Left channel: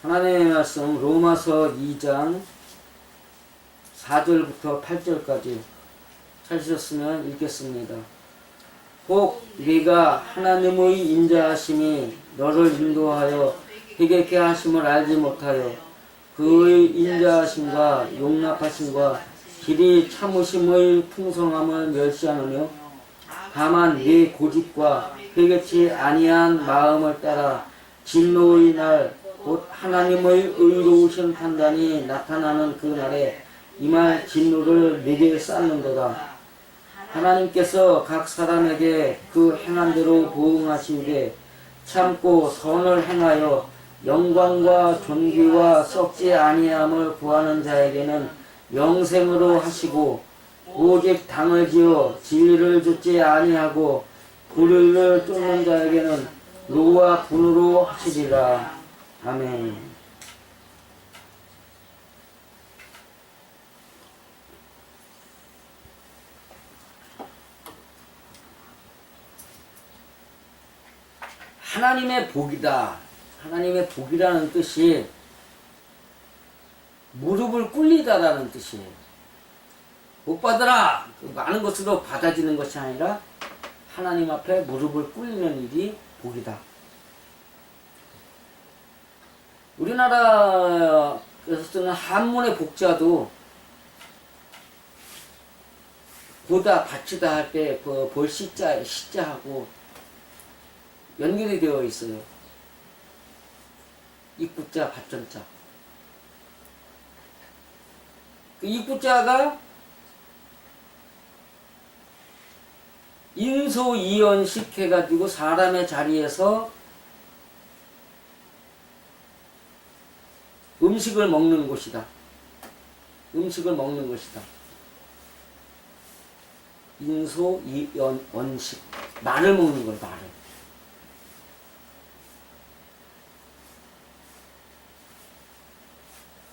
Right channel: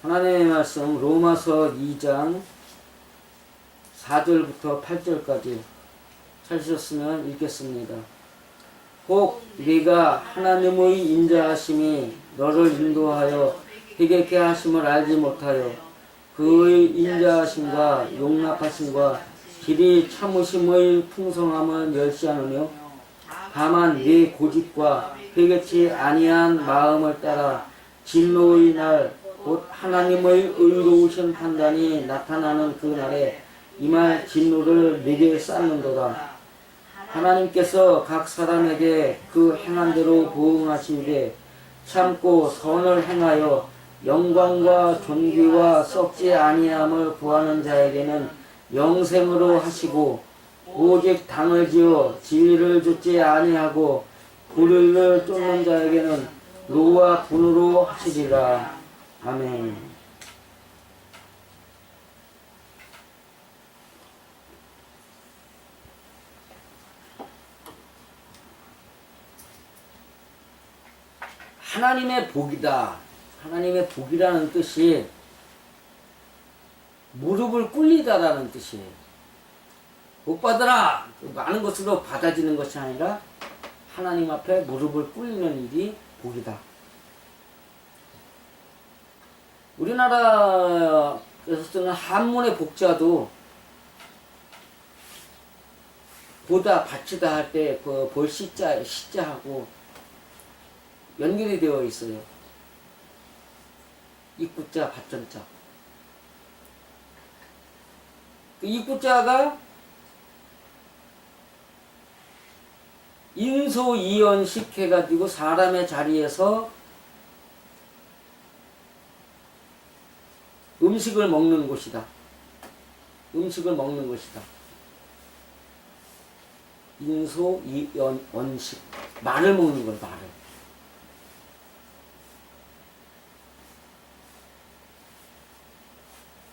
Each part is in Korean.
하나님의 말씀 로마서 2장 4절부터 8절까지 찾으셨으면 읽겠습니다. 혹 네가 하나님의 인자하심이 너를 인도하여 회개케 하심을 알지 못하여 그의 인자하심과 용납하심과 길이 참으심의 풍성함을 멸시하느뇨 다만 네 고집과 회개치 아니한 마음을 따라 진노의 날 곧 하나님의 의로우신 판단이 나타나는 그 날에 이말 진노를 내게 쌓는도다. 하나님께서 각 사람에게 그 행한 대로 보응하시되 참고 선을 행하여 영광과 존귀와 썩지 아니함을 구하는 자에게는 영생으로 하시고 오직 당을 지어 진리를 좇지 아니하고 불의를 쫓는 자에게는 노와 분으로 하시리라. 아멘. 하나님의 복이다. 하나님의 복이라는 뜻이 무릎을 꿇리다라는 뜻이에요. 복 받으라! 그 많은 것으로 받아지는 것이 아니라 하나님 앞에 무릎을 꿇리는 일이 복이다. 우리나라에서 쓰는 한문의 복자도 보다 바치다 할 때 그 볼 시자 시자하고 연결이 되어 있어요. 입구자 받전자. 그 입구자가 인소이연식 해가지고 사람의 자리에서 음식을 먹는 곳이다. 음식을 먹는 것이다. 인소 이연식 말을 먹는 걸 말을.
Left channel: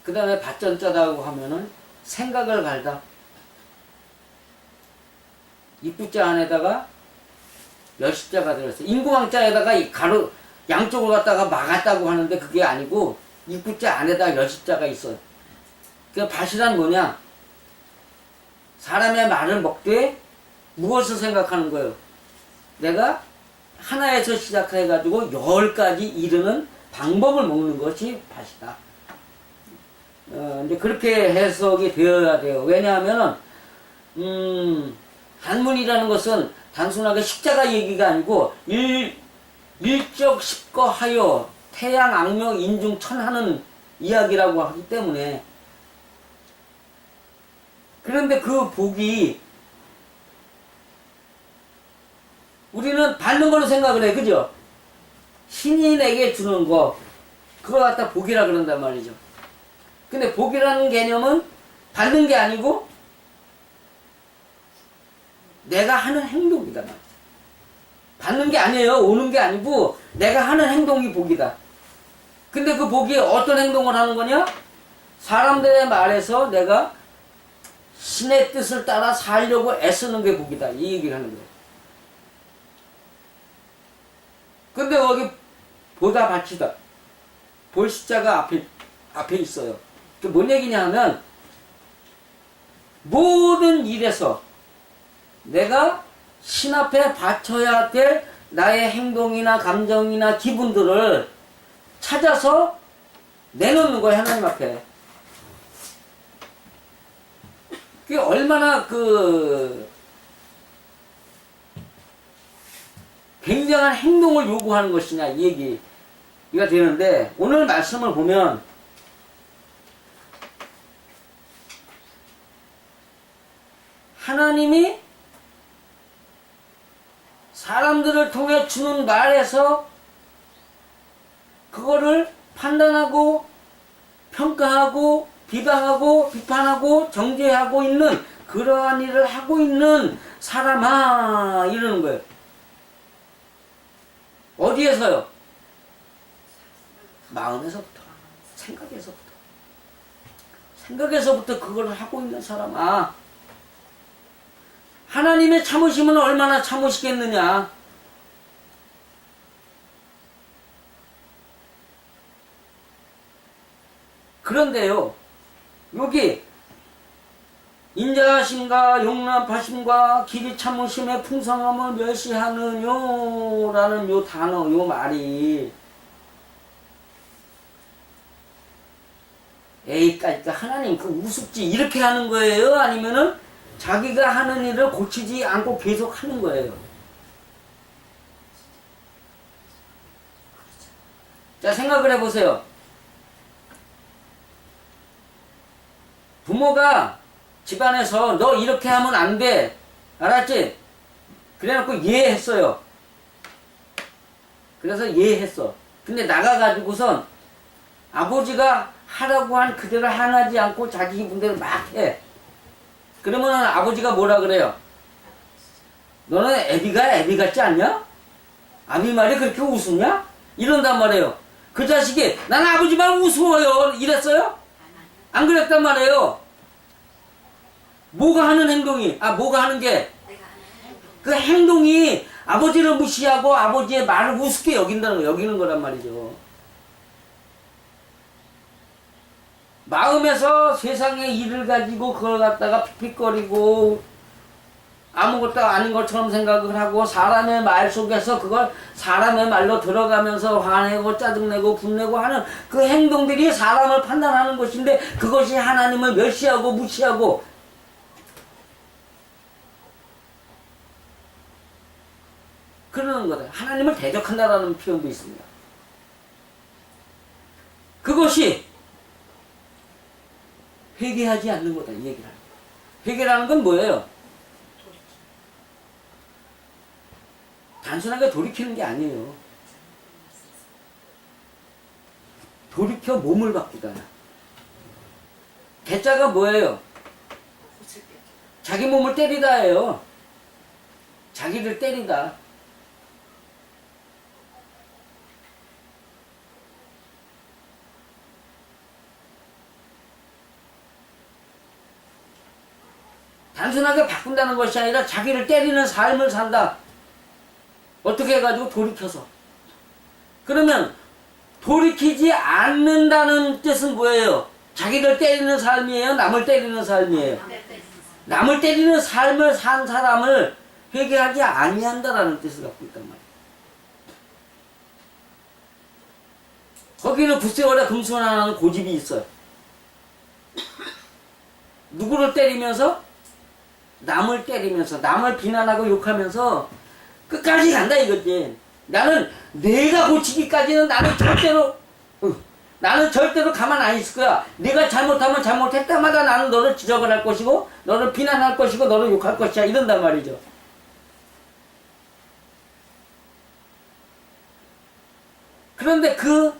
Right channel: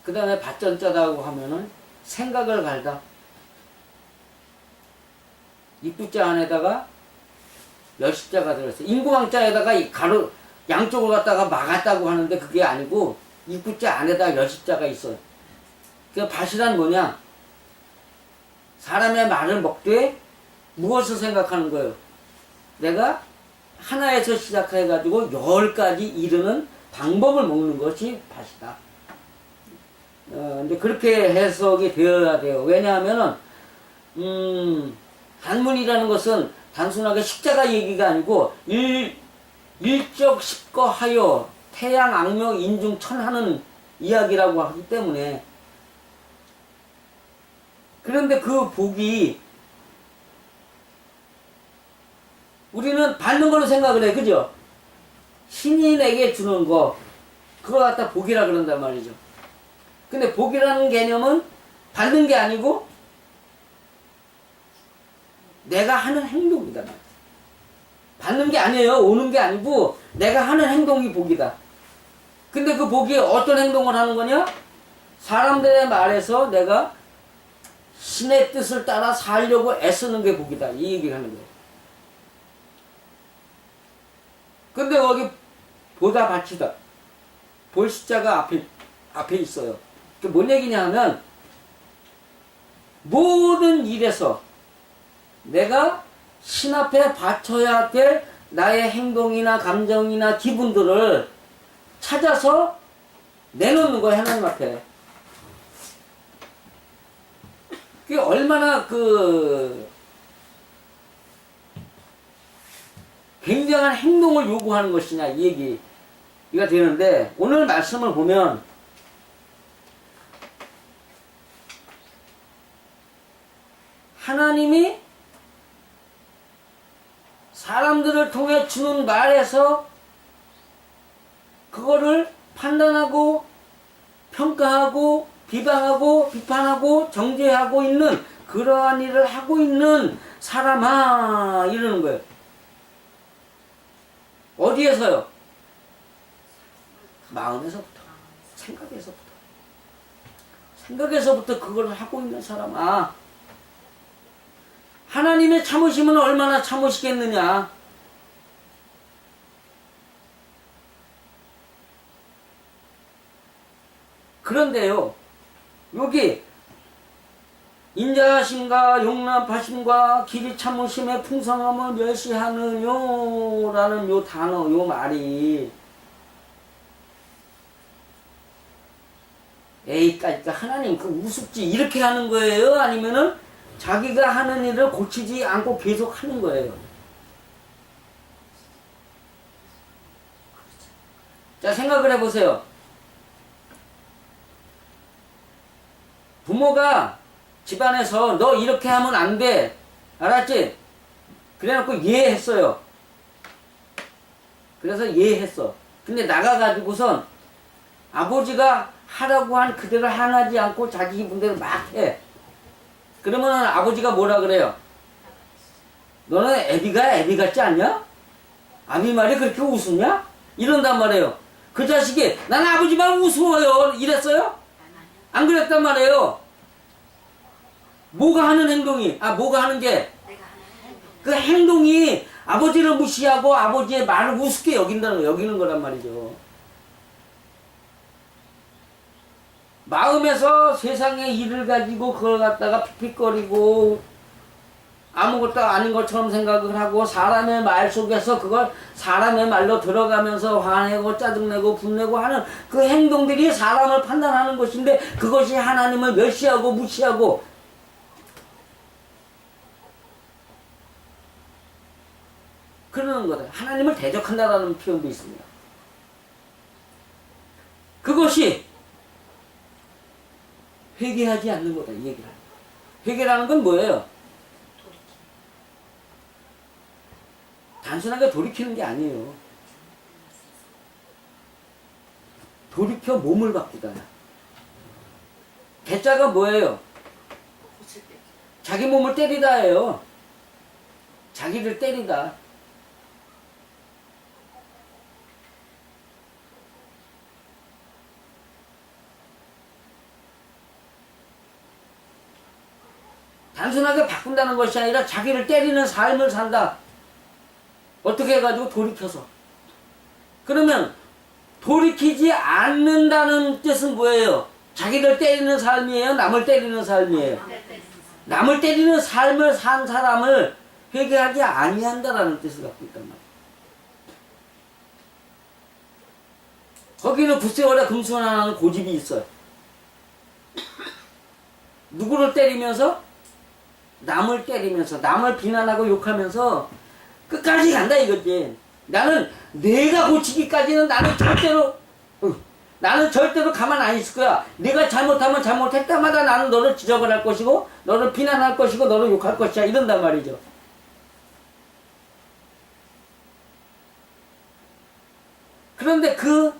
그 다음에 밭전자다고 하면은 생각을 갈다. 입구자 안에다가 열십자가 들어있어. 인구왕자에다가 이 가로 양쪽을 갖다가 막았다고 하는데 그게 아니고 입구자 안에다가 열십자가 있어. 그 밭이란 뭐냐? 사람의 말을 먹되 무엇을 생각하는 거예요? 내가 하나에서 시작해가지고 열까지 이르는 방법을 먹는 것이 밭이다. 어, 이제 그렇게 해석이 되어야 돼요. 왜냐하면은, 음, 한문이라는 것은 단순하게 십자가 얘기가 아니고, 일, 일적 십거하여 태양 악명 인중 천하는 이야기라고 하기 때문에, 그런데 그 복이, 우리는 받는 걸로 생각을 해, 그죠? 신이 내게 주는 거, 그걸 갖다 복이라 그런단 말이죠. 근데 복이라는 개념은 받는 게 아니고 내가 하는 행동이다. 받는 게 아니에요. 오는 게 아니고 내가 하는 행동이 복이다. 근데 그 복이 어떤 행동을 하는 거냐? 사람들의 말에서 내가 신의 뜻을 따라 살려고 애쓰는 게 복이다. 이 얘기를 하는 거예요. 근데 거기 보다 바치다. 볼 숫자가 앞에, 앞에 있어요. 그 뭔 얘기냐 하면 모든 일에서 내가 신 앞에 바쳐야 될 나의 행동이나 감정이나 기분들을 찾아서 내놓는 거야 하나님 앞에. 그게 얼마나 그 굉장한 행동을 요구하는 것이냐 이 얘기가 되는데 오늘 말씀을 보면 하나님이 사람들을 통해 주는 말에서 그거를 판단하고 평가하고 비방하고 비판하고 정죄하고 있는 그러한 일을 하고 있는 사람아 이러는 거예요. 어디에서요? 마음에서부터 생각에서부터 생각에서부터 그걸 하고 있는 사람아 하나님의 참으심은 얼마나 참으시겠느냐? 그런데요, 여기 인자하심과 용납하심과 길이 참으심의 풍성함을 멸시하느뇨 라는 요 단어, 요 말이 에이, 까니까 하나님 그 우습지 이렇게 하는 거예요? 아니면은 자기가 하는 일을 고치지 않고 계속 하는 거예요? 자, 생각을 해보세요. 부모가 집안에서 너 이렇게 하면 안 돼. 알았지? 그래놓고 이해했어요. 그래서 이해했어. 근데 나가가지고선 아버지가 하라고 한 그대로 하나지 않고 자기 분대로 막 해. 그러면은 아버지가 뭐라 그래요? 너는 애비가 애비 같지 않냐? 아비 말이 그렇게 우스냐? 이런단 말이에요. 그 자식이 나는 아버지 말 우스워요. 이랬어요? 안 그랬단 말이에요. 뭐가 하는 행동이, 아, 뭐가 하는 게, 그 행동이 아버지를 무시하고 아버지의 말을 우습게 여긴다는 거, 여기는 거란 말이죠. 마음에서 세상의 일을 가지고 그걸 갖다가 픽픽거리고 아무것도 아닌 것처럼 생각을 하고 사람의 말 속에서 그걸 사람의 말로 들어가면서 화내고 짜증내고 분내고 하는 그 행동들이 사람을 판단하는 것인데 그것이 하나님을 멸시하고 무시하고 그러는 거다. 하나님을 대적한다라는 표현도 있습니다. 그것이 회개하지 않는 거다 이 얘기를 합니다. 회개라는 건 뭐예요? 단순하게 돌이키는 게 아니에요. 돌이켜 몸을 바꾸다. 개자가 뭐예요? 자기 몸을 때리다예요. 자기를 때리다. 단순하게 바꾼다는 것이 아니라 자기를 때리는 삶을 산다. 어떻게 해가지고 돌이켜서. 그러면 돌이키지 않는다는 뜻은 뭐예요? 자기를 때리는 삶이에요? 남을 때리는 삶이에요? 남을 때리는 삶을 산 사람을 회개하지 아니한다라는 뜻을 갖고 있단 말이에요. 거기는 굿세월에 금수원하는 고집이 있어요. 누구를 때리면서? 남을 때리면서, 남을 비난하고 욕하면서 끝까지 간다 이거지. 나는 내가 고치기까지는 나는 절대로 응, 나는 절대로 가만 안 있을 거야. 내가 잘못하면 잘못할 때마다 나는 너를 지적을 할 것이고 너를 비난할 것이고 너를 욕할 것이야 이런단 말이죠. 그런데 그,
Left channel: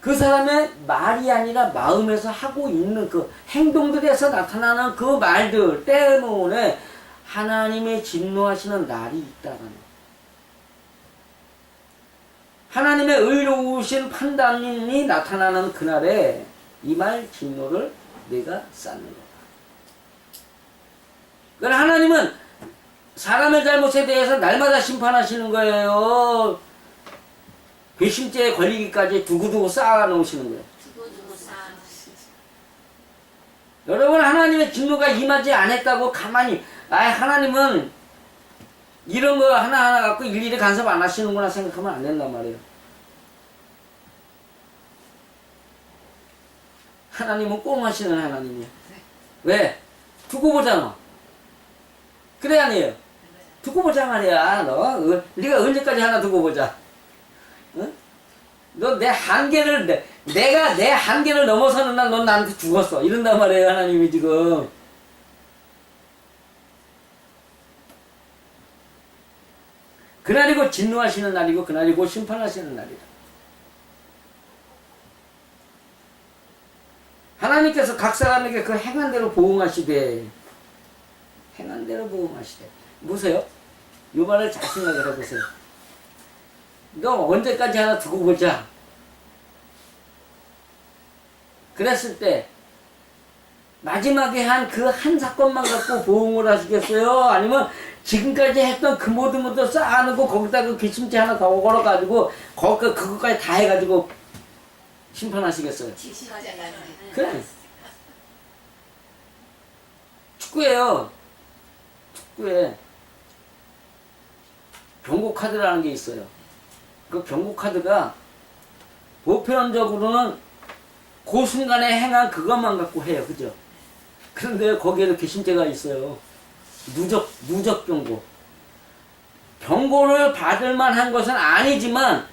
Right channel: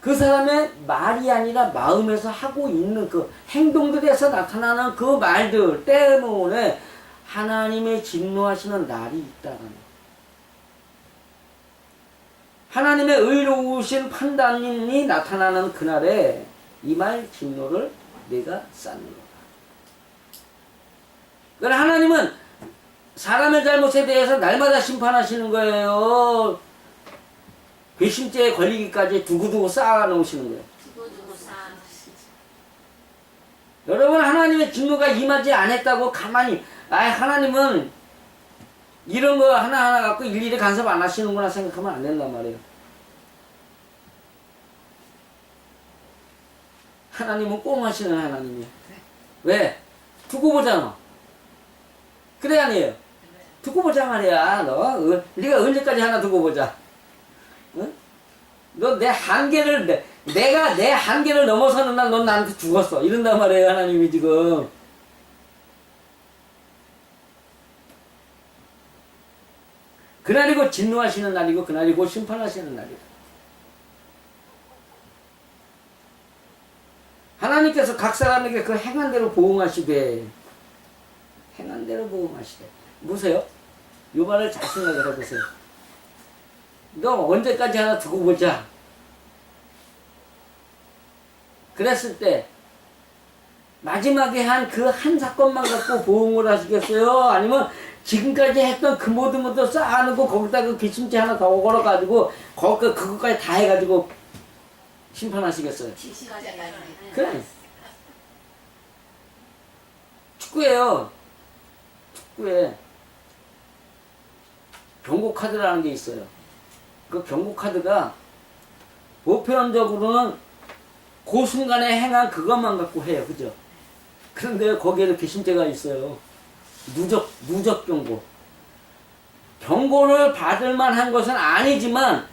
그 사람의 말이 아니라 마음에서 하고 있는 그 행동들에서 나타나는 그 말들 때문에 하나님의 진노하시는 날이 있다는 거. 하나님의 의로우신 판단이 나타나는 그날에 이 말 진노를 내가 쌓는 거다. 그러나 하나님은 사람의 잘못에 대해서 날마다 심판하시는 거예요. 괘씸죄에 걸리기까지 두고두고 쌓아놓으시는 거예요. 여러분 하나님의 진노가 임하지 않았다고 가만히 아 하나님은 이런 거 하나하나 갖고 일일이 간섭 안 하시는구나 생각하면 안 된단 말이에요. 하나님은 꽁 하시는 하나님이야. 왜? 두고 보잖아. 그래 아니에요? 두고 보자 말이야. 너 어, 네가 언제까지 하나 두고 보자. 응? 너 내 한계를 내, 내가 내 한계를 넘어서는 날 넌 나한테 죽었어. 이런단 말이에요 하나님이 지금. 그날이 고 진노하시는 날이고 그날이 고 심판하시는 날이다. 하나님께서 각 사람에게 그 행한 대로 보응하시되 행한 대로 보응하시되 보세요. 요 말을 잘 생각을 해보세요. 너 언제까지 하나 두고 보자. 그랬을 때 마지막에 한 그한 사건만 갖고 보응을 하시겠어요? 아니면 지금까지 했던 그 모든 것도 쌓아놓고 거기다 그 기침제 하나 더 걸어가지고 거기 그것까지 다 해가지고 심판하시겠어요? 그래. 축구예요. 축구에 경고 카드라는 게 있어요. 그 경고 카드가 보편적으로는 그 순간에 행한 그것만 갖고 해요. 그죠? 그런데 거기에도 개심죄가 있어요. 누적, 누적 경고. 경고를 받을 만한 것은 아니지만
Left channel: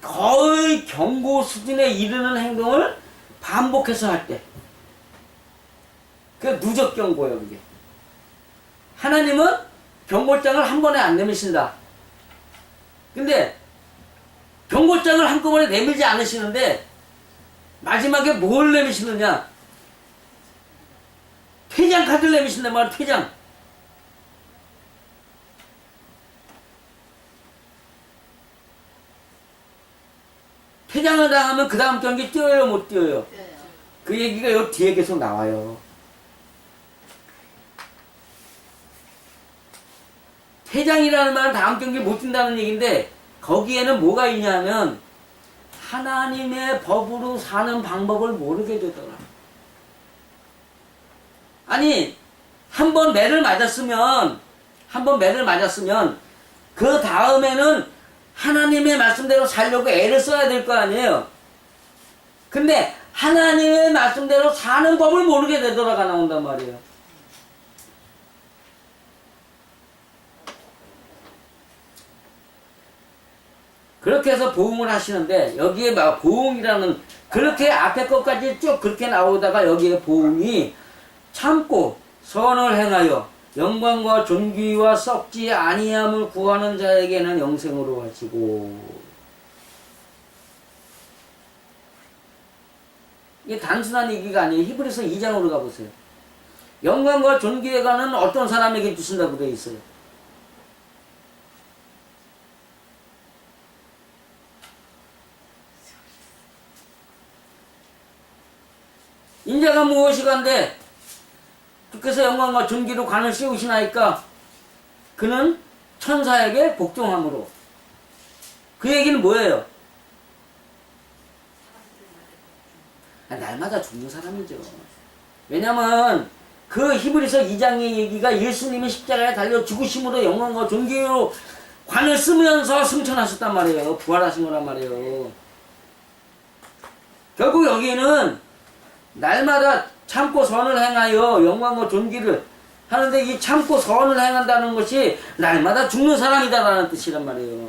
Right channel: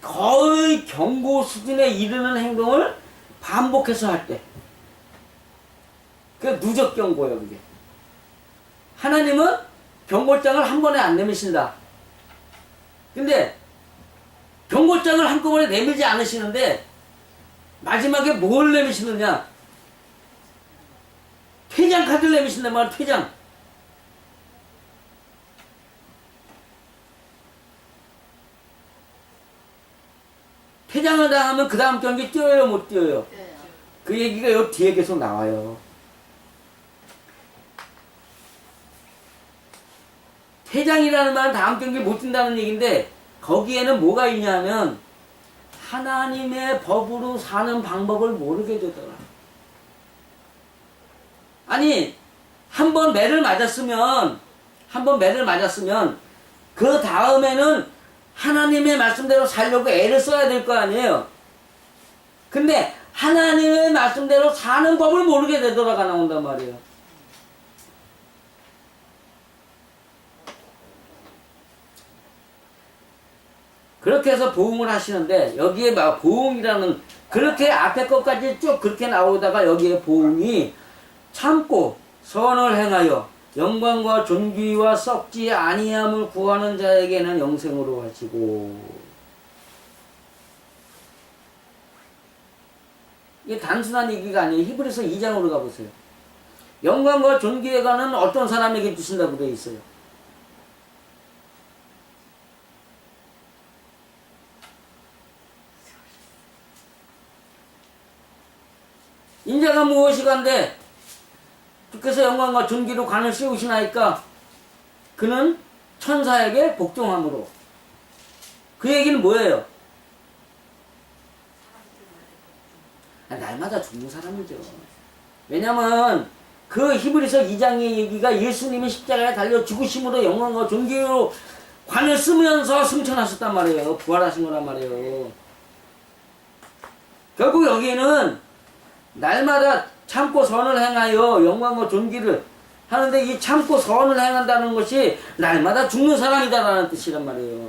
거의 경고 수준에 이르는 행동을 반복해서 할 때. 그게 누적 경고예요, 그게. 하나님은 경고장을 한 번에 안 내미신다. 근데 경고장을 한꺼번에 내밀지 않으시는데 마지막에 뭘 내미시느냐? 퇴장 카드를 내미신단 말이야, 퇴장. 퇴장을 당하면 그 다음 경기 뛰어요, 못 뛰어요? 네. 그 얘기가 요 뒤에 계속 나와요. 퇴장이라는 말은 다음 경기 못 뛴다는 얘기인데 거기에는 뭐가 있냐면 하나님의 법으로 사는 방법을 모르게 되더라. 아니 한 번 매를 맞았으면 한 번 매를 맞았으면 그 다음에는 하나님의 말씀대로 살려고 애를 써야 될 거 아니에요. 근데 하나님의 말씀대로 사는 법을 모르게 되돌아가 나온단 말이에요. 그렇게 해서 보응을 하시는데 여기에 막 보응이라는 그렇게 앞에 것까지 쭉 그렇게 나오다가 여기에 보응이 참고 선을 행하여 영광과 존귀와 썩지 아니함을 구하는 자에게는 영생으로 하시고 이게 단순한 얘기가 아니에요. 히브리서 2장으로 가보세요. 영광과 존귀에 가는 어떤 사람에게 주신다고 되어 있어요. 인자가 무엇이 간데 주께서 영광과 존귀로 관을 씌우시나이까 그는 천사에게 복종함으로 그 얘기는 뭐예요? 아, 날마다 죽는 사람이죠. 왜냐면 그 히브리서 2장의 얘기가 예수님이 십자가에 달려 죽으심으로 영광과 존귀로 관을 쓰면서 승천하셨단 말이에요. 부활하신 거란 말이에요. 결국 여기는 날마다 참고 선을 행하여 영광과 존귀를 하는데 이 참고 선을 행한다는 것이 날마다 죽는 사람이다라는 뜻이란 말이에요.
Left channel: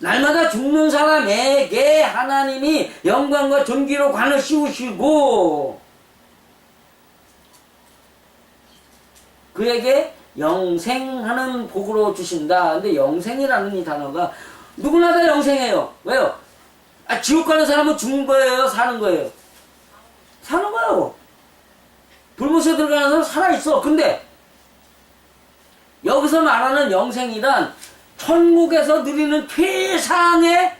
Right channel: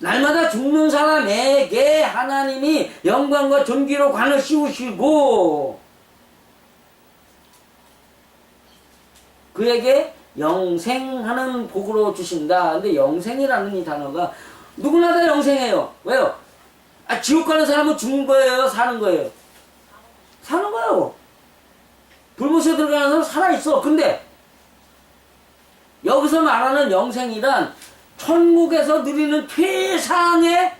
날마다 죽는 사람에게 하나님이 영광과 존귀로 관을 씌우시고 그에게 영생하는 복으로 주신다. 근데 영생이라는 이 단어가 누구나 다 영생해요. 왜요? 아, 지옥 가는 사람은 죽는 거예요? 사는 거예요? 사는 거예요. 불못에 들어가는 사람 살아있어. 근데 여기서 말하는 영생이란 천국에서 누리는 최상의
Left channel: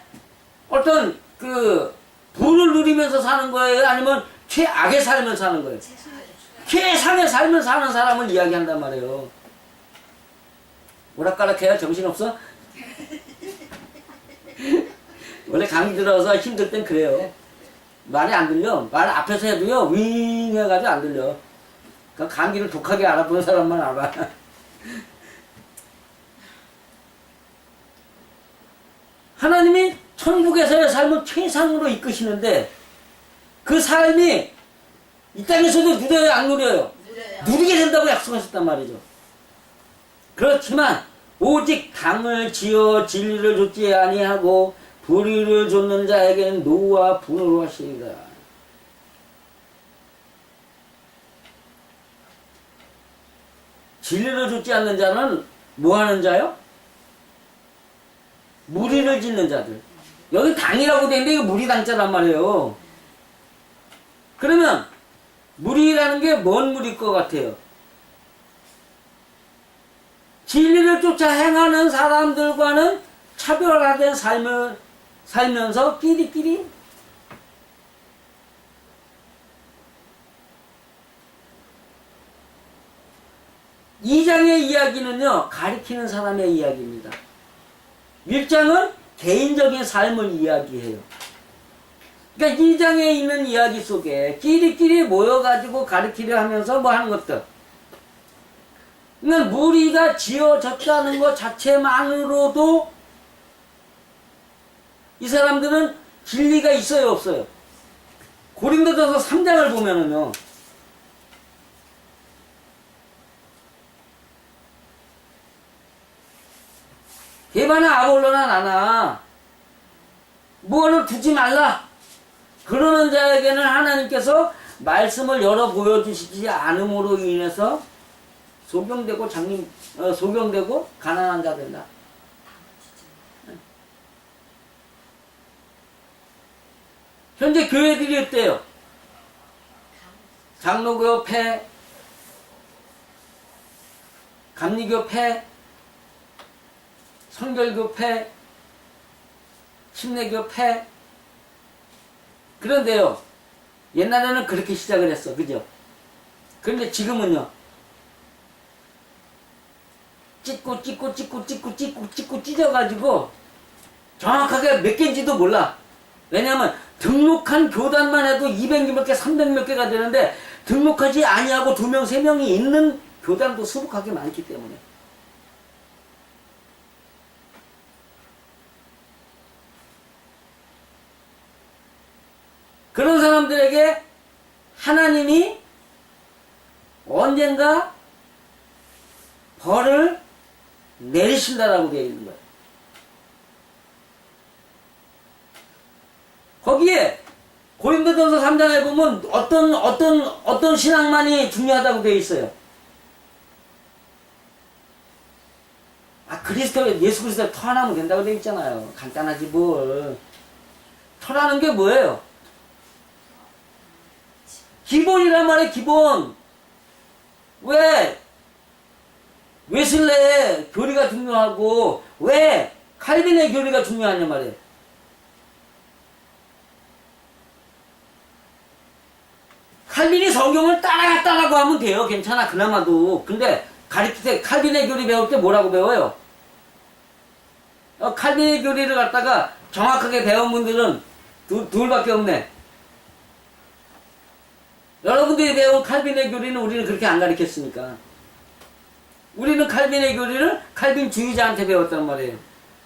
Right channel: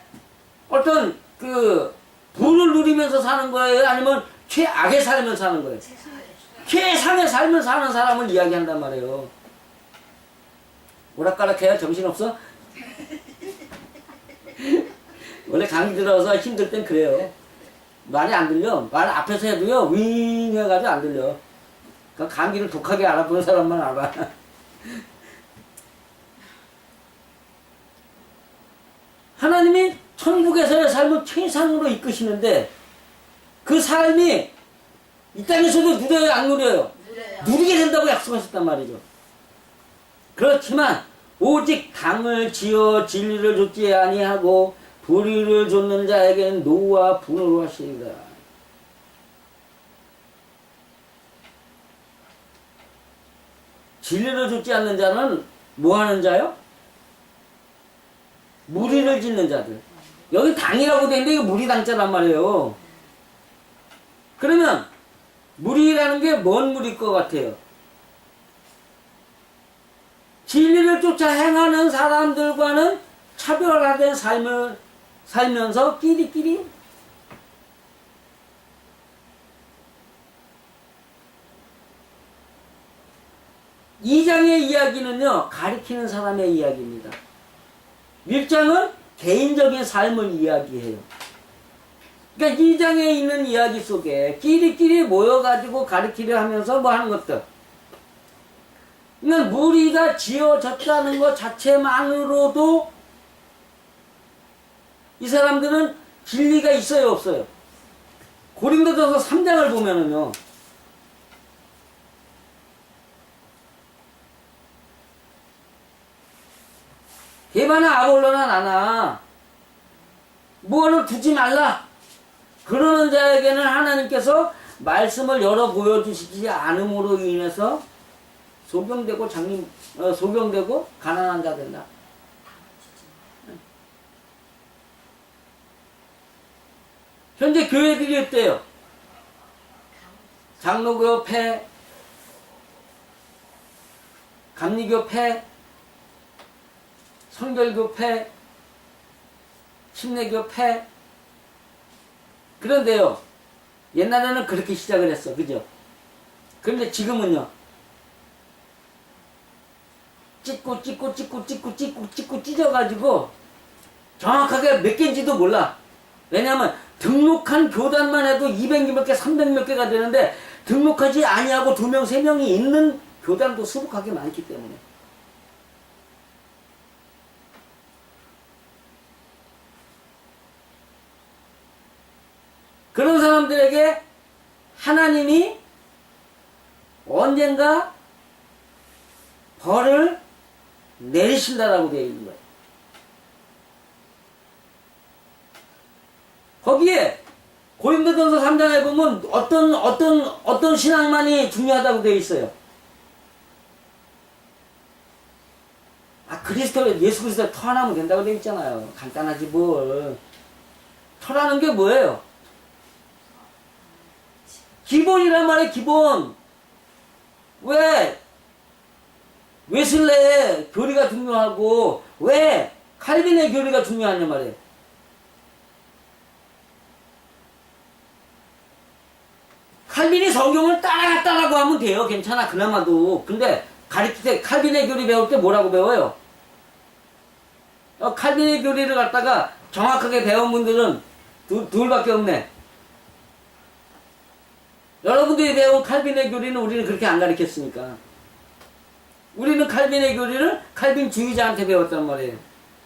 어떤 그 부를 누리면서 사는 거예요? 아니면 최악의 삶을 사는 거예요? 최상의 삶을 사는 사람을 이야기한단 말이에요. 오락가락해요? 정신없어? 원래 감기 들어서 힘들 땐 그래요. 말이 안 들려. 말 앞에서 해도요, 윙 해가지고 안 들려. 그 감기를 독하게 알아보는 사람만 알아. 하나님이 천국에서의 삶을 최상으로 이끄시는데 그 삶이 이 땅에서도 누려요, 안 누려요? 누려요. 누리게 된다고 약속하셨단 말이죠. 그렇지만 오직 당을 지어 진리를 좇지 아니하고 불의를 좇는 자에게는 노와 분으로 하시리라. 진리를 좇지 않는 자는 뭐 하는 자요? 무리를 짓는 자들. 여기 당이라고 돼 있는데 이거 무리당자란 말이에요. 그러면 무리라는 게 뭔 무리일 것 같아요? 진리를 쫓아 행하는 사람들과는 차별화된 삶을 살면서 끼리끼리 이 장의 이야기는요 가리키는 사람의 이야기입니다. 1장은 개인적인 삶을 이야기해요. 그러니까 이 장에 있는 이야기 속에 끼리끼리 모여가지고 가르치려 하면서 뭐 하는 것들. 그러니까 무리가 지어졌다는 것 자체만으로도 이 사람들은 진리가 있어요, 없어요? 고린도전서 3장을 보면은요. 개바나 아볼로나 나나 무언을 두지 말라. 그러는 자에게는 하나님께서 말씀을 열어 보여주시지 않음으로 인해서 소경되고 장님 어, 소경되고 가난한 자 된다. 현재 교회들이 어때요? 장로교 폐, 감리교 폐, 성결교 폐, 침례교 폐. 그런데요, 옛날에는 그렇게 시작을 했어. 그죠? 그런데 지금은요, 찢고 찢고 찢고 찢고 찢고 찢고 찢어가지고 정확하게 몇 개인지도 몰라. 왜냐면 등록한 교단만 해도 200몇 개, 300몇 개가 되는데 등록하지 아니하고 두 명, 세 명이 있는 교단도 수북하게 많기 때문에. 그런 사람들에게 하나님이 언젠가 벌을 내리신다라고 되어 있는 거예요. 거기에 고린도전서 3장에 보면 어떤 어떤 어떤 신앙만이 중요하다고 되어 있어요. 아 그리스도 예수 그리스도 터하면 된다고 되어 있잖아요. 간단하지 뭘. 터라는 게 뭐예요? 기본이란 말이에요, 기본. 왜? 웨슬레의 교리가 중요하고, 왜? 칼빈의 교리가 중요하냐 말이에요. 칼빈이 성경을 따라갔다라고 하면 돼요. 괜찮아. 그나마도. 근데 가르칠 때 칼빈의 교리 배울 때 뭐라고 배워요? 어, 칼빈의 교리를 갖다가 정확하게 배운 분들은 두, 둘밖에 없네. 여러분들이 배운 칼빈의 교리는 우리는 그렇게 안 가르쳤으니까. 우리는 칼빈의 교리를 칼빈 주의자한테 배웠단 말이에요.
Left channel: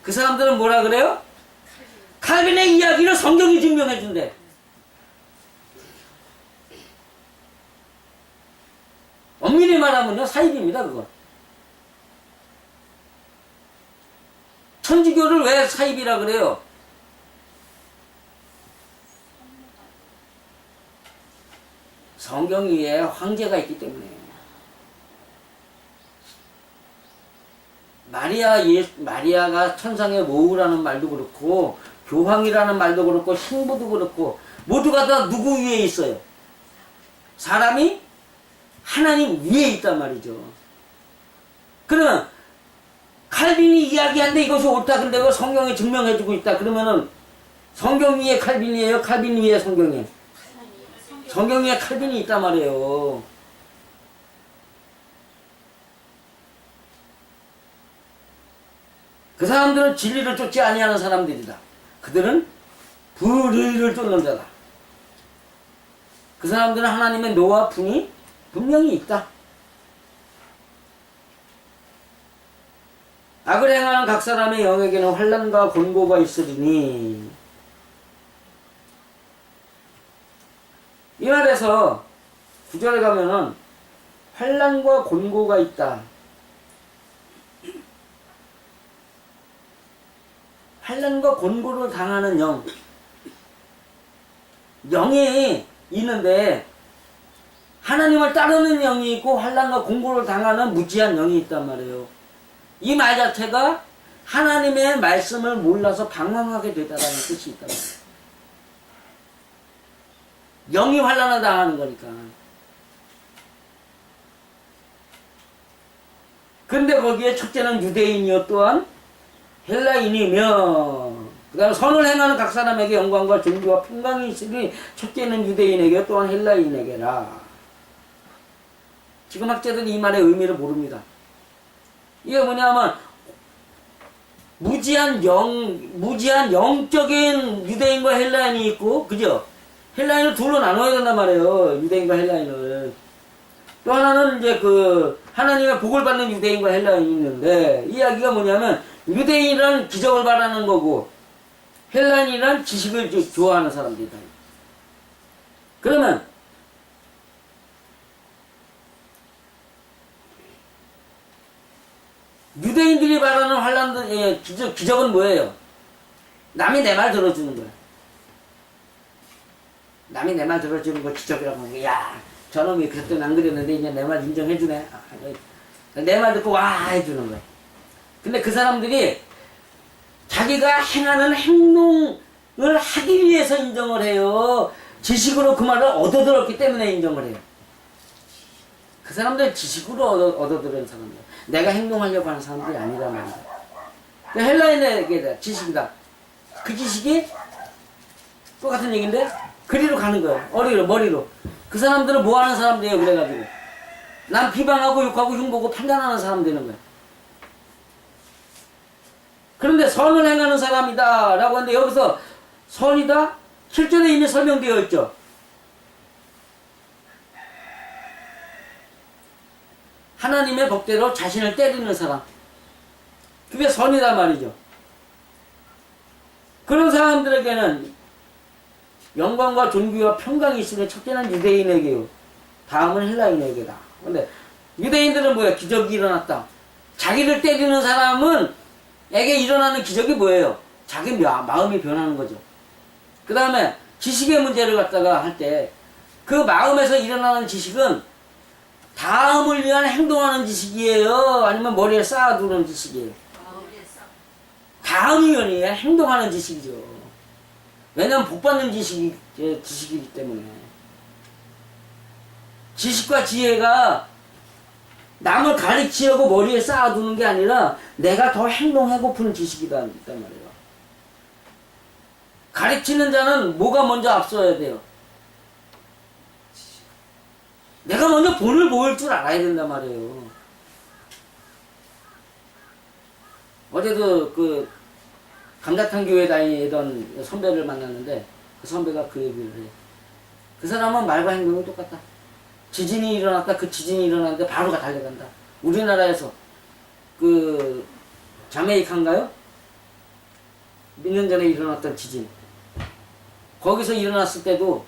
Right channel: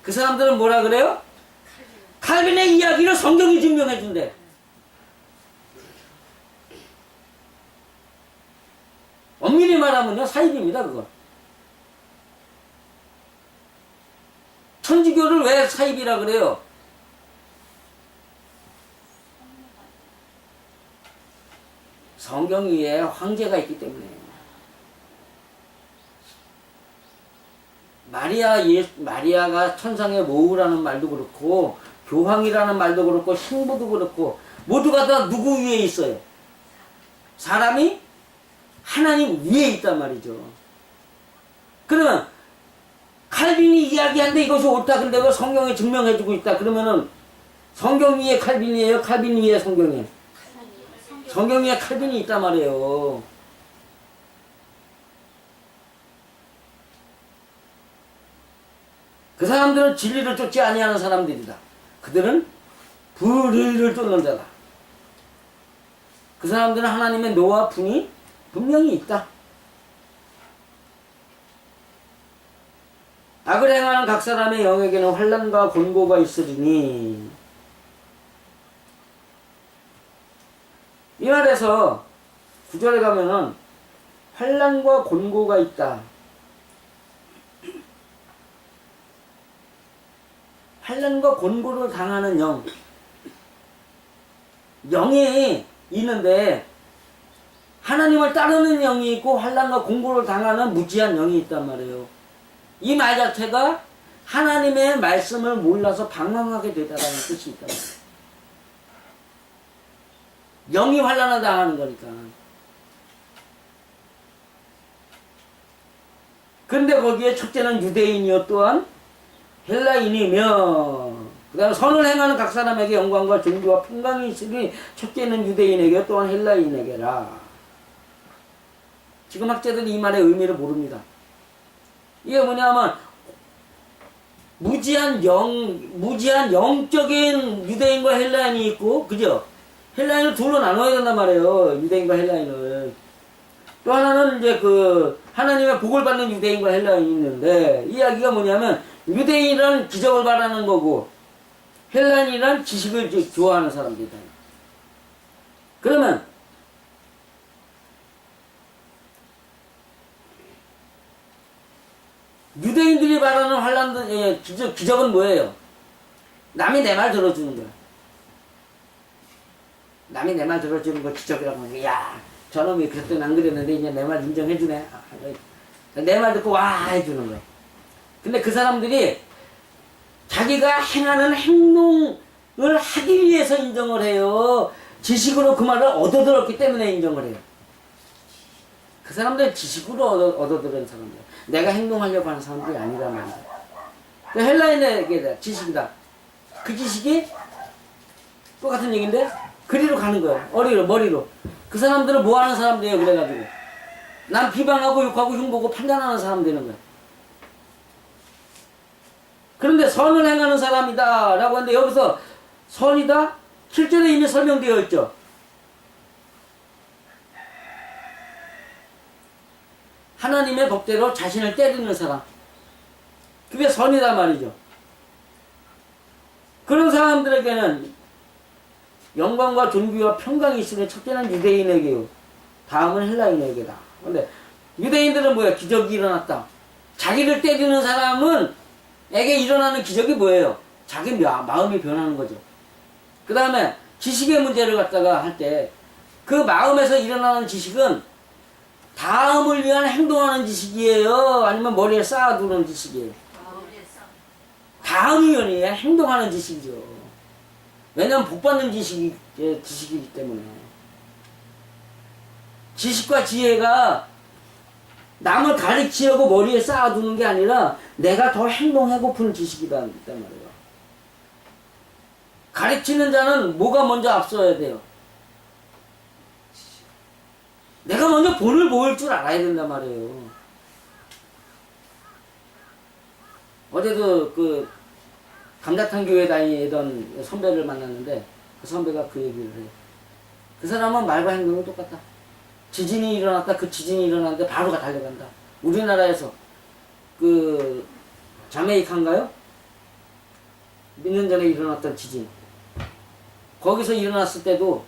그 사람들은 뭐라 그래요? 칼빈의 이야기를 성경이 증명해 준대. 엄밀히 말하면요, 사입입니다, 그건. 천주교를 왜 사입이라 그래요? 성경 위에 황제가 있기 때문에. 마리아 예 마리아가 천상의 모우라는 말도 그렇고 교황이라는 말도 그렇고 신부도 그렇고 모두가 다 누구 위에 있어요? 사람이 하나님 위에 있단 말이죠. 그러면 칼빈이 이야기한데 이것이 옳다 근데 그 성경에 증명해주고 있다 그러면은 성경 위에 칼빈이에요? 칼빈 위에 성경이에요? 성경 위에 칼빈이 있단 말이에요. 그 사람들은 진리를 쫓지 아니하는 사람들이다. 그들은 불의를 쫓는 자다. 그 사람들은 하나님의 노와 분이 분명히 있다. 악을 행하는 각 사람의 영에게는 환란과 곤고가 있으리니 이 말에서 구절에 가면은 환란과 곤고가 있다. 환란과 곤고를 당하는 영. 영이 있는데 하나님을 따르는 영이 있고 환란과 공고를 당하는 무지한 영이 있단 말이에요. 이 말 자체가 하나님의 말씀을 몰라서 방황하게 되다라는 뜻이 있단 말이에요. 영이 환란을 당하는 거니까. 근데 거기에 첫째는 유대인이요 또한 헬라인이며 그 다음에 선을 행하는 각 사람에게 영광과 존귀와 평강이 있으니 첫째는 유대인에게 또한 헬라인에게라. 지금 학자들이 이 말의 의미를 모릅니다. 이게 뭐냐면 무지한 영 무지한 영적인 유대인과 헬라인이 있고 그죠? 헬라인을 둘로 나눠야 된단 말이에요. 유대인과 헬라인을. 또 하나는 이제 그 하나님의 복을 받는 유대인과 헬라인이 있는데 이야기가 뭐냐면 유대인이란 기적을 바라는 거고 헬라인이란 지식을 조- 좋아하는 사람들이다. 그러면 유대인들이 바라는 환란도 예, 기적, 기적은 뭐예요? 남이 내 말 들어주는 거야. 남이 내 말 들어주는 거 기적이라고 하는 거야. 야, 저놈이 그랬더니 안 그랬는데 이제 내 말 인정해주네. 내말 듣고 와 해주는 거야. 근데 그 사람들이 자기가 행하는 행동을 하기 위해서 인정을 해요. 지식으로 그 말을 얻어들었기 때문에 인정을 해요. 그 사람들은 지식으로 얻어, 얻어 들은 사람들. 내가 행동하려고 하는 사람들이 아니란 말이야. 그 헬라인에게 지식이다. 그 지식이 똑같은 얘기인데 그리로 가는 거예요. 어리로 머리로. 그 사람들은 뭐 하는 사람들이에요. 그래가지고 난 비방하고 욕하고 흉보고 판단하는 사람 되는 거야. 그런데 선을 행하는 사람이다 라고 하는데 여기서 선이다 7절에 이미 설명되어 있죠. 하나님의 법대로 자신을 때리는 사람. 그게 선이다 말이죠. 그런 사람들에게는 영광과 존귀와 평강이 있으니 첫째는 유대인에게요. 다음은 헬라인에게다. 근데 유대인들은 뭐야? 기적이 일어났다. 자기를 때리는 사람은 에게 일어나는 기적이 뭐예요? 자기 마- 마음이 변하는 거죠. 그 다음에 지식의 문제를 갖다가 할 때 그 마음에서 일어나는 지식은 다음을 위한 행동하는 지식이에요? 아니면 머리에 쌓아두는 지식이에요? 다음이 위한 행동하는 지식이죠. 왜냐면 복받는 지식이, 예, 지식이기 때문에. 지식과 지혜가 남을 가르치려고 머리에 쌓아두는 게 아니라 내가 더 행동하고픈 지식이다 말이에요. 가르치는 자는 뭐가 먼저 앞서야 돼요? 내가 먼저 본을 모을 줄 알아야 된단 말이에요. 어제도 그 감자탕 교회 다니던 선배를 만났는데 그 선배가 그 얘기를 해요. 그 사람은 말과 행동이 똑같다. 지진이 일어났다. 그 지진이 일어났는데 바로 가 달려간다. 우리나라에서 그 자메이카인가요? 몇 년 전에 일어났던 지진. 거기서 일어났을 때도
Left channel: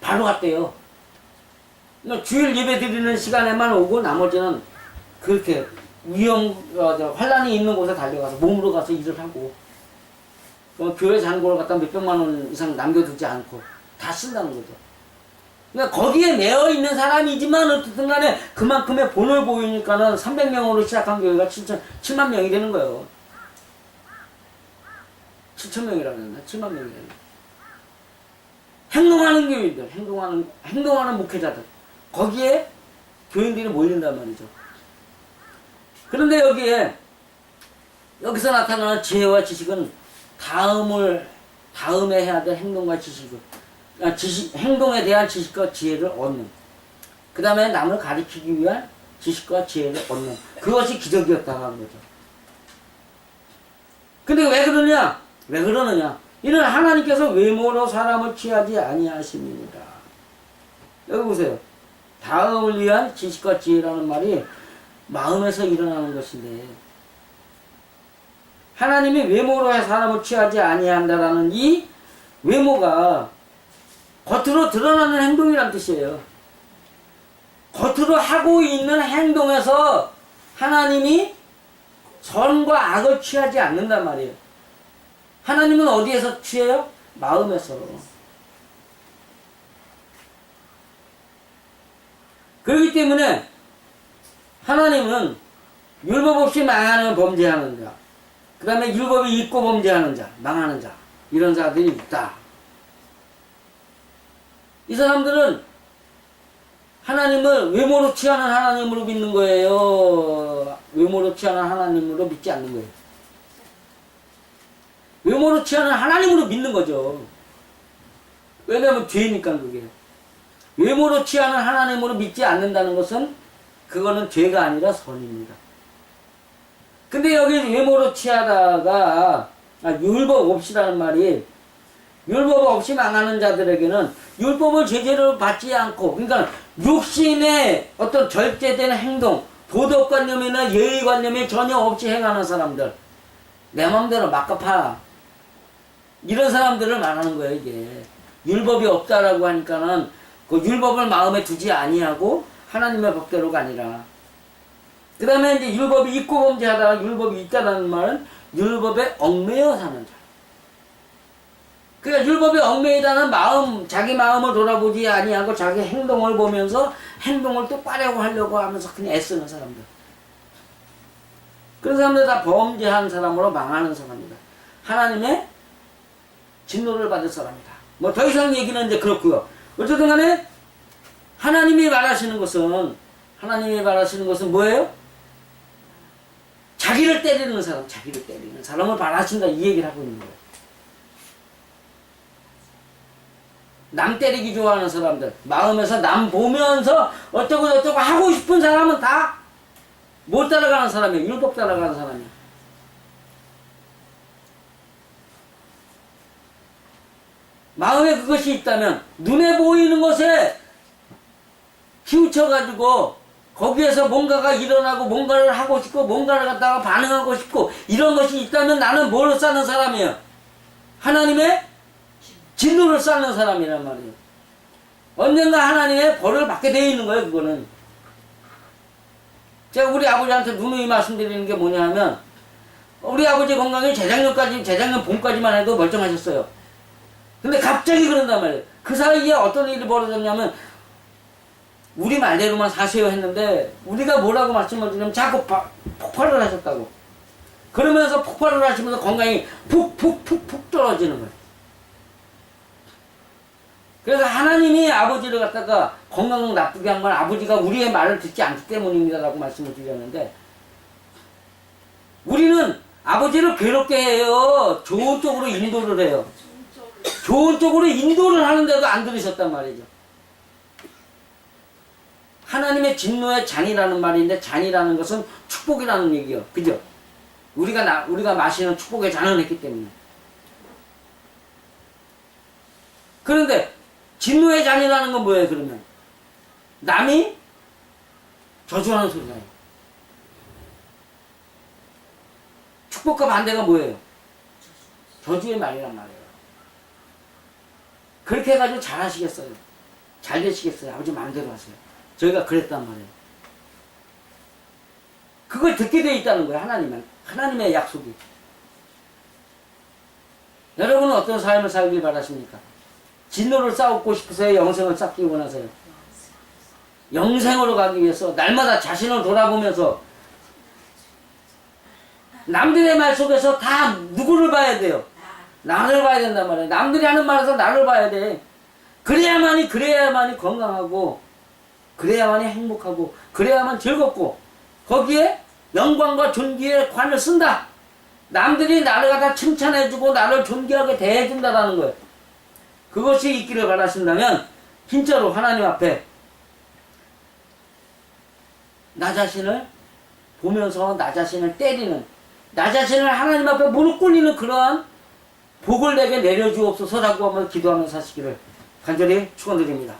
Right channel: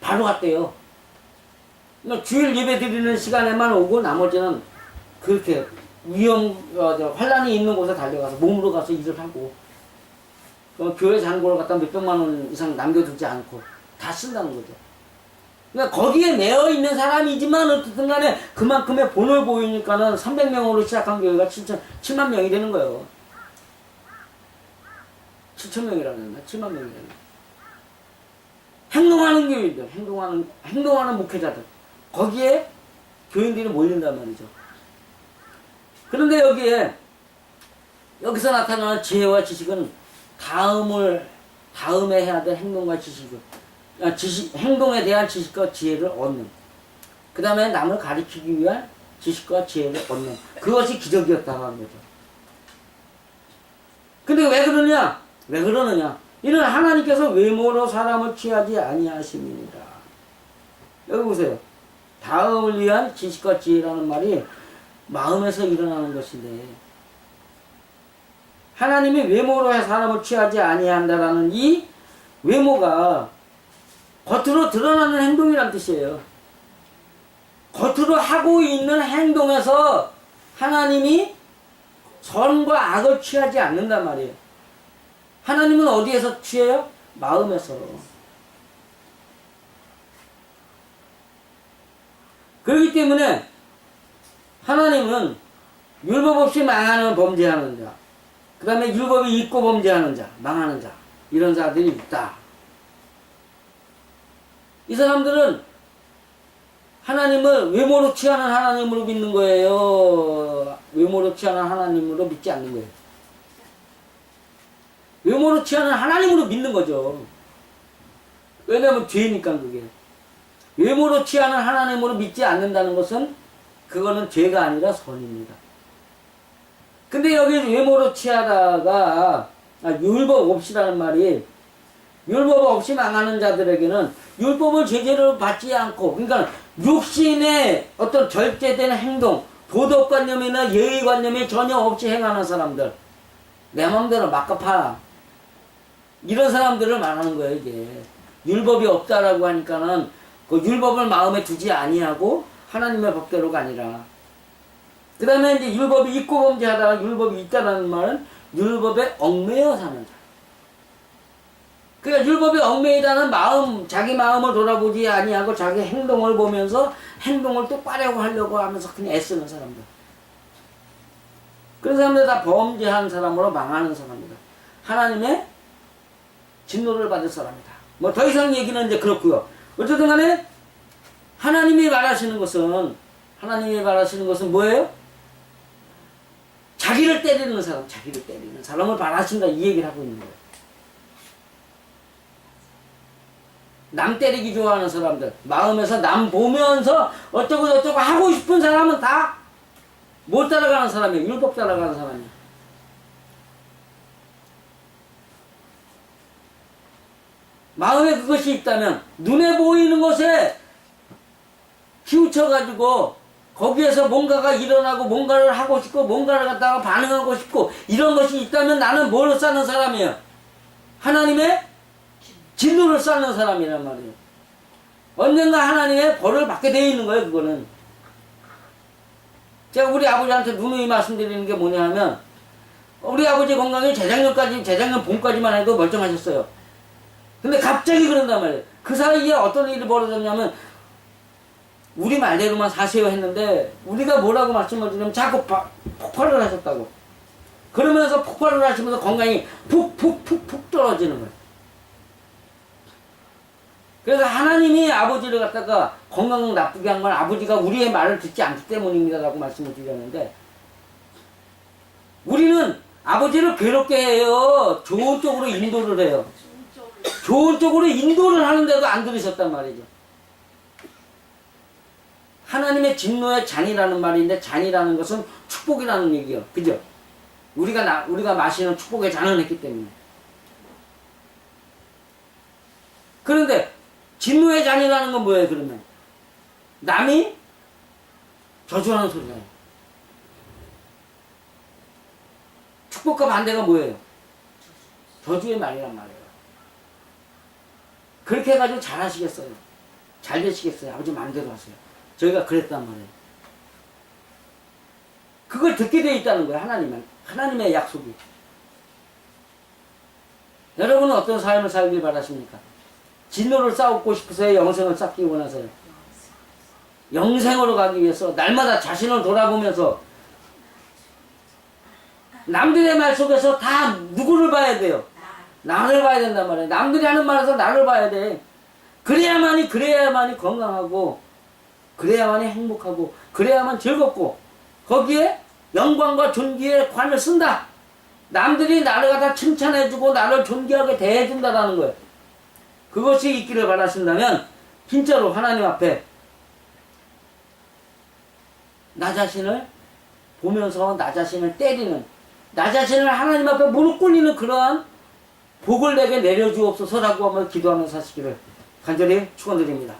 바로 갔대요. 그러니까 주일 예배 드리는 시간에만 오고 나머지는 그렇게 위험, 어, 저, 환란이 있는 곳에 달려가서 몸으로 가서 일을 하고 어, 교회 잔고를 갖다 몇 백만 원 이상 남겨두지 않고 다 쓴다는 거죠. 그러니까 거기에 매여 있는 사람이지만 어쨌든 간에 그만큼의 본을 보이니까는 300명으로 시작한 교회가 7천, 7만 명이 되는 거예요. 7천 명이라고 했나? 7만 명이라는 행동하는 교인들, 행동하는, 행동하는 목회자들. 거기에 교인들이 몰린단 말이죠. 그런데 여기에, 여기서 나타나는 지혜와 지식은 다음을, 다음에 해야 될 행동과 지식을, 아, 지식, 행동에 대한 지식과 지혜를 얻는. 그 다음에 남을 가르치기 위한 지식과 지혜를 얻는. 그것이 기적이었다고 하는 거죠. 근데 왜 그러냐? 왜 그러느냐? 이는 하나님께서 외모로 사람을 취하지 아니하십니다. 여기 보세요. 다음을 위한 지식과 지혜라는 말이 마음에서 일어나는 것인데 하나님이 외모로 해 사람을 취하지 아니한다라는 이 외모가 겉으로 드러나는 행동이란 뜻이에요. 겉으로 하고 있는 행동에서 하나님이 선과 악을 취하지 않는단 말이에요. 하나님은 어디에서 취해요? 마음에서. 그렇기 때문에 하나님은 율법 없이 망하는 범죄하는 자, 그 다음에 율법이 있고 범죄하는 자, 망하는 자, 이런 자들이 있다. 이 사람들은 하나님을 외모로 취하는 하나님으로 믿는 거예요. 외모로 취하는 하나님으로 믿지 않는 거예요. 외모로 취하는 하나님으로 믿는 거죠. 왜냐하면 죄니까 그게. 외모로 취하는 하나님으로 믿지 않는다는 것은 그거는 죄가 아니라 선입니다. 근데 여기 외모로 취하다가 아, 율법 없이라는 말이 율법 없이 망하는 자들에게는 율법을 제대로 받지 않고 그러니까 육신의 어떤 절제된 행동 도덕관념이나 예의관념이 전혀 없이 행하는 사람들 내 마음대로 막가파 이런 사람들을 말하는 거예요 이게 율법이 없다라고 하니까는 그 율법을 마음에 두지 아니하고 하나님의 법대로가 아니라 그 다음에 이제 율법이 있고 범죄하다가 율법이 있다라는 말은 율법에 얽매여 사는 자. 그러니까 율법에 얽매이다는 마음, 자기 마음을 돌아보지 아니하고 자기 행동을 보면서 행동을 똑바르고 하려고 하면서 그냥 애쓰는 사람들. 그런 사람들 다 범죄한 사람으로 망하는 사람이다. 하나님의 진노를 받을 사람이다. 뭐 더 이상 얘기는 이제 그렇고요. 어쨌든 간에 하나님이 말하시는 것은 하나님이 말하시는 것은 뭐예요? 자기를 때리는 사람, 자기를 때리는 사람을 말하신다 이 얘기를 하고 있는 거예요. 남 때리기 좋아하는 사람들, 마음에서 남 보면서 어쩌고 저쩌고 하고 싶은 사람은 다 못 따라가는 사람이에요. 율법 따라가는 사람이에요. 마음에 그것이 있다면 눈에 보이는 것에 치우쳐가지고 거기에서 뭔가가 일어나고 뭔가를 하고 싶고 뭔가를 갖다가 반응하고 싶고 이런 것이 있다면 나는 뭘 쌓는 사람이에요? 하나님의 진노를 쌓는 사람이란 말이에요. 언젠가 하나님의 벌을 받게 되어 있는 거예요, 그거는. 제가 우리 아버지한테 누누이 말씀드리는 게 뭐냐 하면, 우리 아버지 건강이 재작년까지, 재작년 봄까지만 해도 멀쩡하셨어요. 근데 갑자기 그런단 말이에요. 그 사이에 어떤 일이 벌어졌냐면, 우리 말대로만 사세요 했는데, 우리가 뭐라고 말씀을 드리면 자꾸 바- 폭발을 하셨다고. 그러면서 폭발을 하시면서 건강이 푹푹푹푹 떨어지는 거예요. 그래서 하나님이 아버지를 갖다가 건강 나쁘게 한 건 아버지가 우리의 말을 듣지 않기 때문입니다 라고 말씀을 드렸는데 우리는 아버지를 괴롭게 해요. 좋은 쪽으로 인도를 해요. 좋은 쪽으로 인도를 하는데도 안 들으셨단 말이죠. 하나님의 진노의 잔이라는 말인데 잔이라는 것은 축복이라는 얘기요. 그죠? 우리가 나, 우리가 마시는 축복의 잔을 했기 때문에. 그런데 진노의 잔이라는 건 뭐예요, 그러면? 남이 저주하는 소리잖아요. 축복과 반대가 뭐예요? 저주의 말이란 말이에요. 그렇게 해가지고 잘 하시겠어요. 잘 되시겠어요. 아버지 마음대로 하세요. 저희가 그랬단 말이에요. 그걸 듣게 돼 있다는 거예요, 하나님은. 하나님의 약속이. 여러분은 어떤 삶을 살길 바라십니까? 진노를 쌓고 싶으세요? 영생을 쌓기 원하세요? 영생으로 가기 위해서 날마다 자신을 돌아보면서 남들의 말 속에서 다 누구를 봐야 돼요? 나를 봐야 된단 말이에요. 남들이 하는 말에서 나를 봐야 돼. 그래야만이 그래야만이 건강하고 그래야만이 행복하고 그래야만 즐겁고 거기에 영광과 존귀의 관을 쓴다. 남들이 나를 갖다 칭찬해주고 나를 존귀하게 대해준다라는 거예요. 그것이 있기를 바라신다면 진짜로 하나님 앞에 나 자신을 보면서 나 자신을 때리는 나 자신을 하나님 앞에 무릎 꿇리는 그러한 복을 내게 내려주옵소서라고 한번 기도하면서 하시기를 간절히 축원드립니다.